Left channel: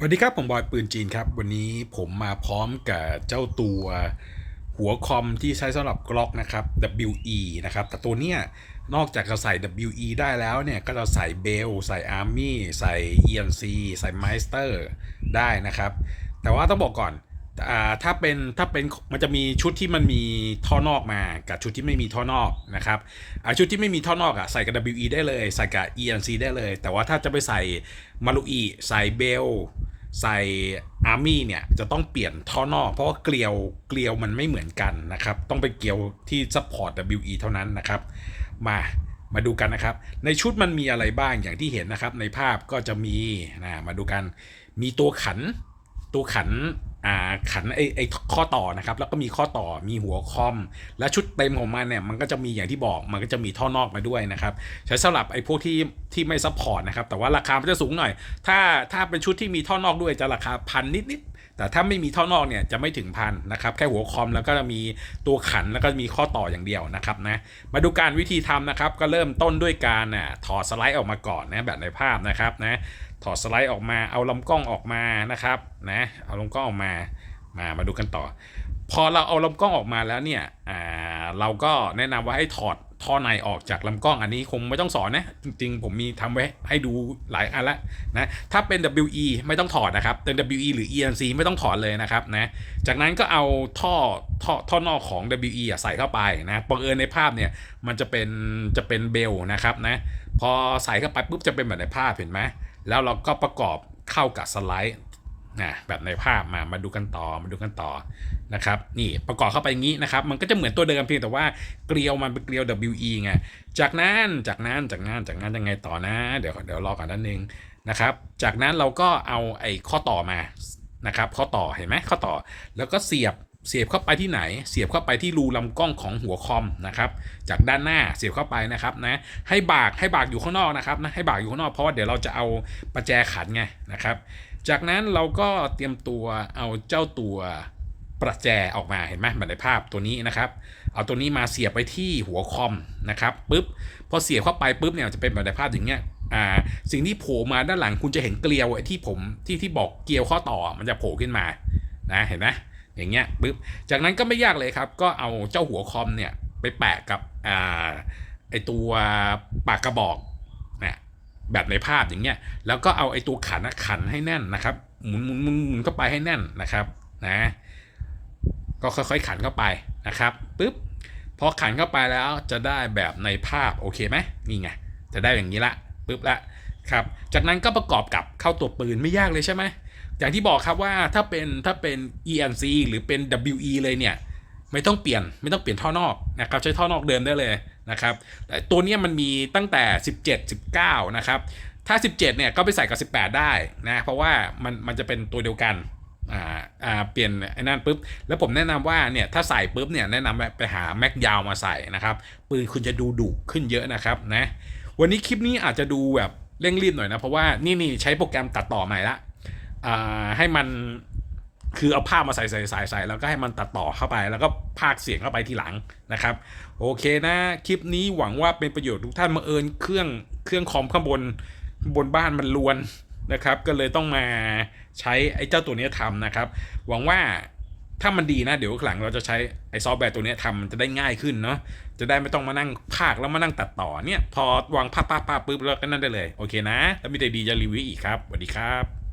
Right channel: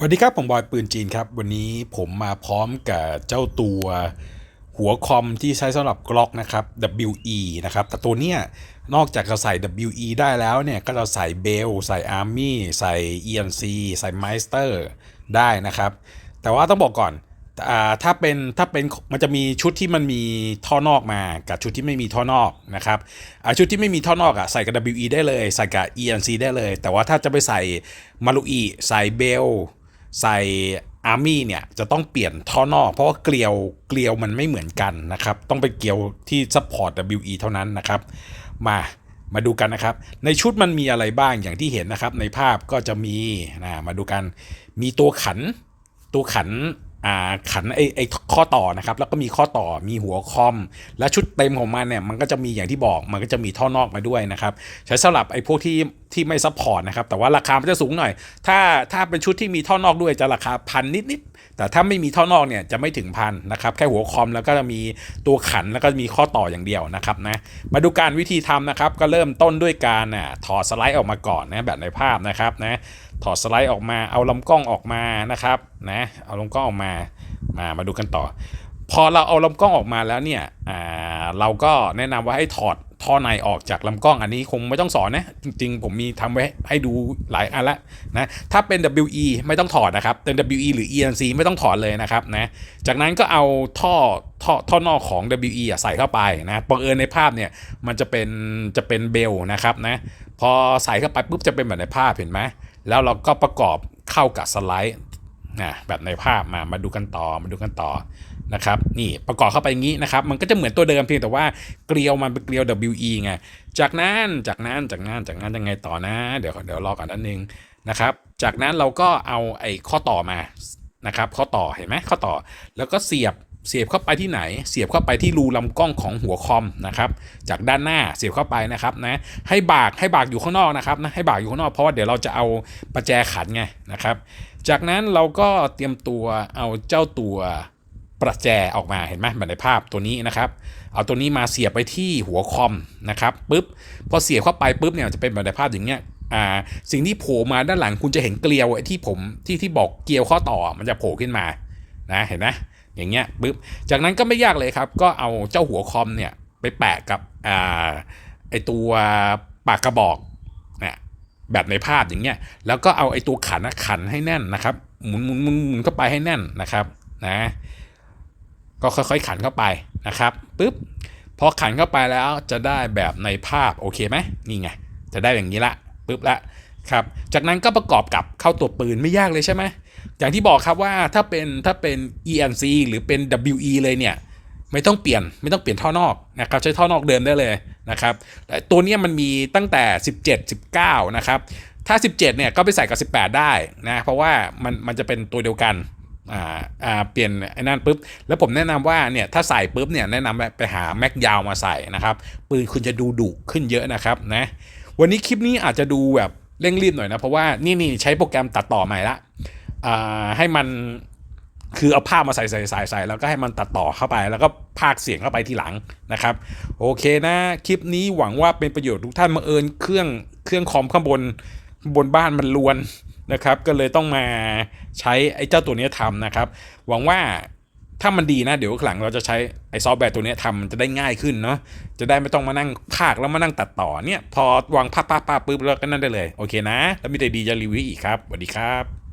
สวัสดีครับ ผมบอยปืนจีนครับ วันนี้ผมมาพร้อมกับเจ้าตัวหัวคอมที่ใช้สำหรับกล็อกนะครับ WE นะครับ แต่ตัวเนี้ยนอกจากจะใส่ WE ได้แล้วเนี่ย ก็จะใส่เบลใส่ Army ใส่ ENC ใส่ Meister ได้นะครับ แต่ว่าต้องบอกก่อนอถ้าเป็นถ้าเป็นมันจะมีชุดที่มันมีท่อนอกมากับชุดที่ไม่มีท่อนอกนะครับชุดที่ไม่มีท่อนอกอะใส่กับ WE ได้เลย ใส่กับ ENC ได้เลย แต่ว่าถ้าจะไปใส่มารุอีใส่เบล ใส่อาร์มี่เนี่ยจะต้องเปลี่ยนท่อนอก เพราะว่าเกลียวเกลียวมันไม่เหมือนกันนะครับ ต้องเป็นเกลียวที่ซัพพอร์ต WE เท่านั้นนะครับ มามาดูกันนะครับ ในชุดมันมีอะไรบ้างอย่างที่เห็นนะครับ ในภาพก็จะมีนะมาดูกันมีตัวขันตัวขัน ขันไอไอข้อต่อนะครับ แล้วก็มีข้อต่อมีหัวคอม และชุดเต็มของมันเนี่ยมันก็จะมีอย่างที่บอกมันก็จะมีท่อนอกมาด้วยนะครับ ใช้สำหรับไอ้พวกที่ที่ไม่ซัพพอร์ตนะครับ แต่ว่าราคามันจะสูงหน่อย ถ้าถ้าเป็นชุดที่มีท่อนอกด้วยจะราคาพันนิดๆแต่ถ้าไม่มีท่อนอกเนี่ยจะไม่ถึงพันนะครับแค่หัวคอมแล้วก็จะมีตัวขันแล้วก็มีข้อต่ออย่างเดียวนะครับนะมาดูการวิธีทำนะครับ ก็เริ่มต้นด้วยการอะถอดสไลด์ออกมาก่อนนะแบบในภาพนะครับนะ ถอดสไลด์ออกมา เอาลำกล้องออกมานะครับนะเอาลำกล้องออกมามามาดูกันต่อ พอเราเอาลำกล้องออกมาแล้วเนี่ยอ่าเราก็แนะนำว่าให้ถอดท่อในออกจากลำกล้องอันนี้คงไม่ต้องสอนนะ จริงๆ ผมมีทำไว้ให้ดูหลายอันละนะถ้าเป็น WE ไม่ต้องถอดนะครับเป็น WE หรือ ENC ไม่ต้องถอดเลยนะครับนะจากนั้นก็เอาท่อท่อท่อนอกของ WE ใส่เข้าไปนะบังเอิญในภาพเนี่ยมันจะเป็นจะเป็นเบลนะครับนะพอใส่เข้าไปปุ๊บจะเป็นแบบในภาพเห็นไหม แล้วเราก็ประกอบเข้ากับสไลด์นะแบบในภาพมามาดูกันต่อมาดูกันต่อนะครับนี่ประกอบเข้าไปอย่างนี้นะครับ มันก็จะเหมือนตัวเดิมเพียงแต่ว่าเกลียวมันเป็นเกลียว WE ไงจากนั้นจากนั้นจากนั้นจากนั้นยังไงต่อนะ เดี๋ยวเดี๋ยวรอก่อนนิดนึงนะครับ จากนั้นเราก็เอาไอ้ข้อต่อมานะครับ ข้อต่อเห็นไหมข้อต่อแล้วก็เสียบ เสียบเข้าไปที่ไหน เสียบเข้าไปที่รูลำกล้องของหัวคอมนะครับจากด้านหน้าเสียบเข้าไปนะครับนะให้บากให้บากอยู่ข้างนอกนะครับนะให้บากอยู่ข้างนอกเพราะว่าเดี๋ยวเราจะเอาประแจขันไงนะครับ จากนั้นเราก็เตรียมตัวเอาเจ้าตัวประแจออกมาเห็นไหมเหมือนในภาพตัวนี้นะครับเอาตัวนี้มาเสียบไปที่หัวคอมนะครับปุ๊บพอเสียบเข้าไปปุ๊บเนี่ยจะเป็นแบบในภาพอย่างเงี้ยอ่าสิ่งที่โผล่มาด้านหลังคุณจะเห็นเกลียวที่ผมที่ที่บอกเกลียวข้อต่อมันจะโผล่ขึ้นมานะเห็นไหม อย่างเงี้ยปุ๊บจากนั้นก็ไม่ยากเลยครับ ก็เอาเจ้าหัวคอมเนี่ยไปแปะกับอ่าไอตัวปากกระบอกเนี่ยแบบในภาพอย่างเงี้ยแล้วก็เอาไอตัวขันขันให้แน่นนะครับ หมุนหมุนหมุนหมุนเข้าไปให้แน่นนะครับนะก็ค่อยๆขันเข้าไปนะครับปุ๊บพอขันเข้าไปแล้วจะได้แบบในภาพโอเคไหมนี่ไงจะได้อย่างนี้ละปุ๊บละครับ จากนั้นก็ประกอบกับเข้าตัวปืนไม่ยากเลยใช่ไหม อย่างที่บอกครับว่าถ้าเป็นถ้าเป็น ENC หรือเป็น WE เลยเนี่ยไม่ต้องเปลี่ยนไม่ต้องเปลี่ยนท่อนอกนะครับใช้ท่อนอกเดิมได้เลยนะครับแต่ตัวนี้มันมีตั้งแต่ 17 19 นะครับถ้า 17 เนี่ยก็ไปใส่กับ 18 ได้นะเพราะว่ามันมันจะเป็นตัวเดียวกันอ่าอ่าเปลี่ยนไอ้นั่นปุ๊บแล้วผมแนะนำว่าเนี่ยถ้าใส่ปุ๊บเนี่ยแนะนำไปหาแม็กยาวมาใส่นะครับปืนคุณจะดูดุขึ้นเยอะนะครับนะวันนี้คลิปนี้อาจจะดูแบบเร่งรีบหน่อยนะเพราะว่านี่นี่ใช้โปรแกรมตัดต่อใหม่ละ ให้มันคือเอาภาพมาใส่ใส่ใส่ใส่แล้วก็ให้มันตัดต่อเข้าไป แล้วก็พากเสียงเข้าไปทีหลังนะครับ โอเคนะ คลิปนี้หวังว่าเป็นประโยชน์ทุกท่านมาเอิญเครื่องเครื่องคอมข้างบนบนบ้านมันลวนนะครับ ก็เลยต้องมาใช้ไอ้เจ้าตัวนี้ทำนะครับ หวังว่าถ้ามันดีนะ เดี๋ยวหลังเราจะใช้ไอ้ซอฟต์แวร์ตัวนี้ทำมันจะได้ง่ายขึ้นเนาะจะได้ไม่ต้องมานั่งพากแล้วมานั่งตัดต่อเนี่ย พอวางภาพภาพภาพปุ๊บแล้วก็นั่นได้เลย โอเคนะ แล้วมีแต่ดีจะรีวิวอีกครับสวัสดีครับ